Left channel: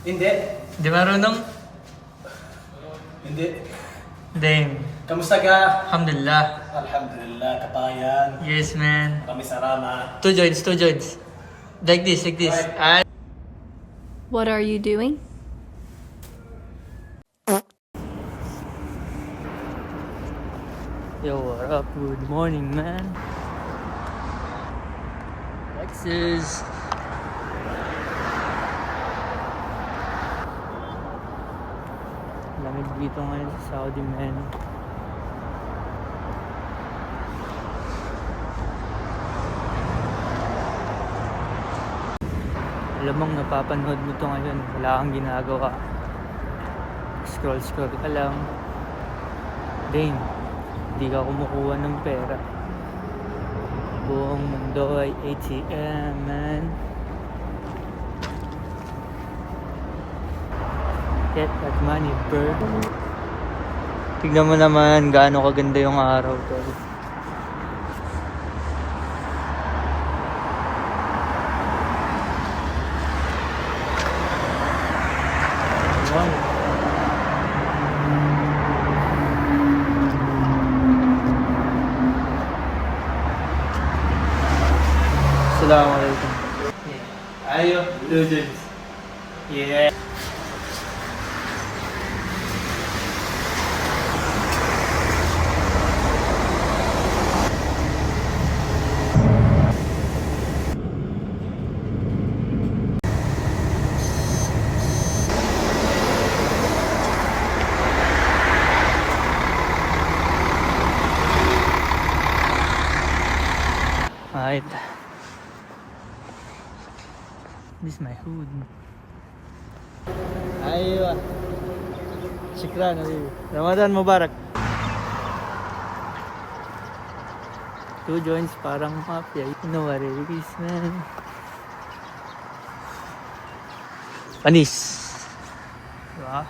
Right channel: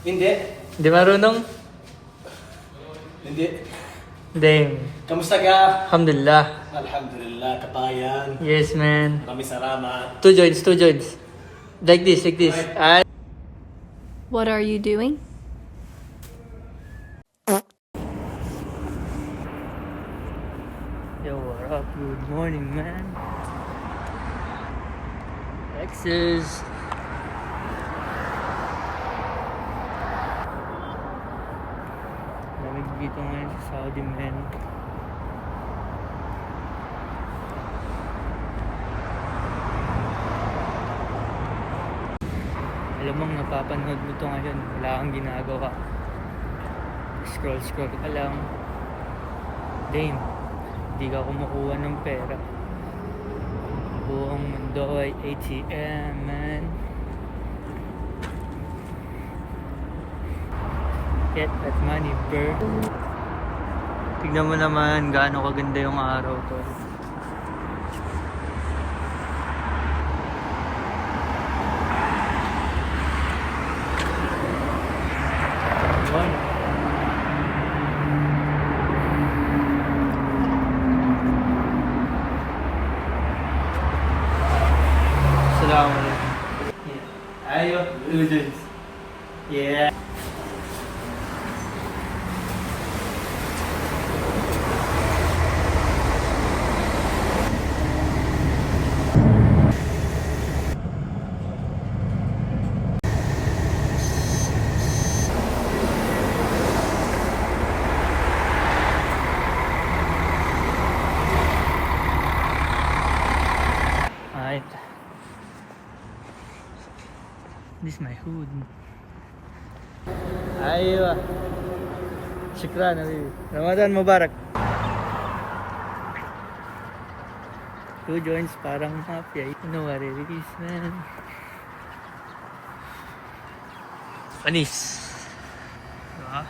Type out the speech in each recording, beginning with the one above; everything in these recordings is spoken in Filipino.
Hindi. Hindi marunong? Hindi. Damn. Kamusta ka? Alhamdulillah. Alhamdulillah, kabayan. Yes, man. Maraming salamat. Two joints, two joints. Like this, like this. Right. What are you doing? Yo, what up? Good morning, man. Texas. Lamig dito ngayon sa Saudi, man. Alam mong napapanood mo to ngayon, wala kang ginagawa. Scroll ka lang. Damn, hindi ka kumukuha ng pera. Buong mundo ay ATM, man. Get that money, bird. Tignan mo naman gaano kaganda yung araw to. Wow. Assalamualaikum. Ayo, Lujens. Yeah. Alright. This is my hood. Aywa. Shukran, Nabi. Ramadan Mubarak. Two joints parang mafia. You know what it is, man. Panis. Diba?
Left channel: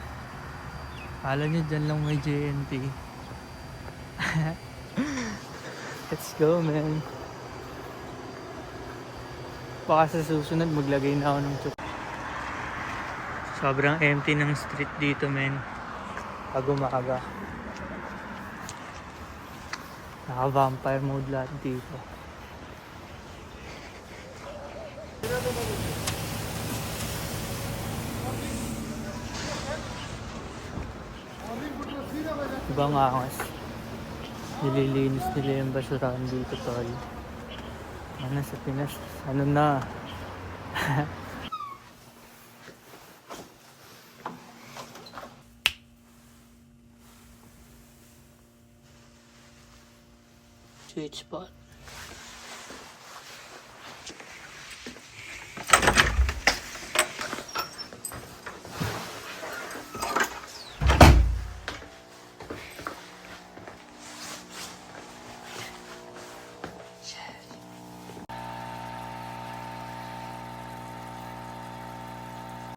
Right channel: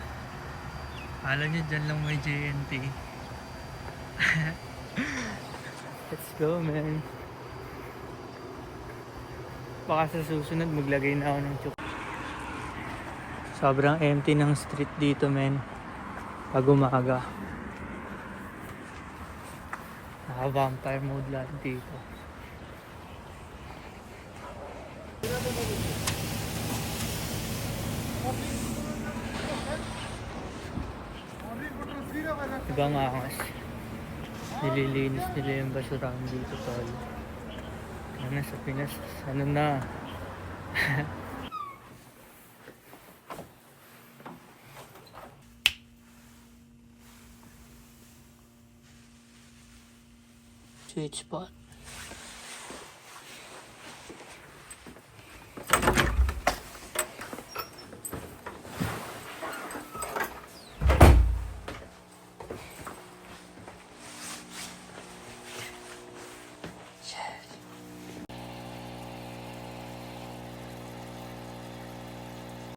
Kala nyo dyan lang may JNT. Let's go, man. Baka sa susunod maglagay na ako ng chuk. Sobrang empty ng street dito, men. Pag umaga. Naka-vampire mode lahat dito. Ibang angas. Nililinis nila yung basurahan dito, tol. Ano sa Pinas, ano na? Sweet spot.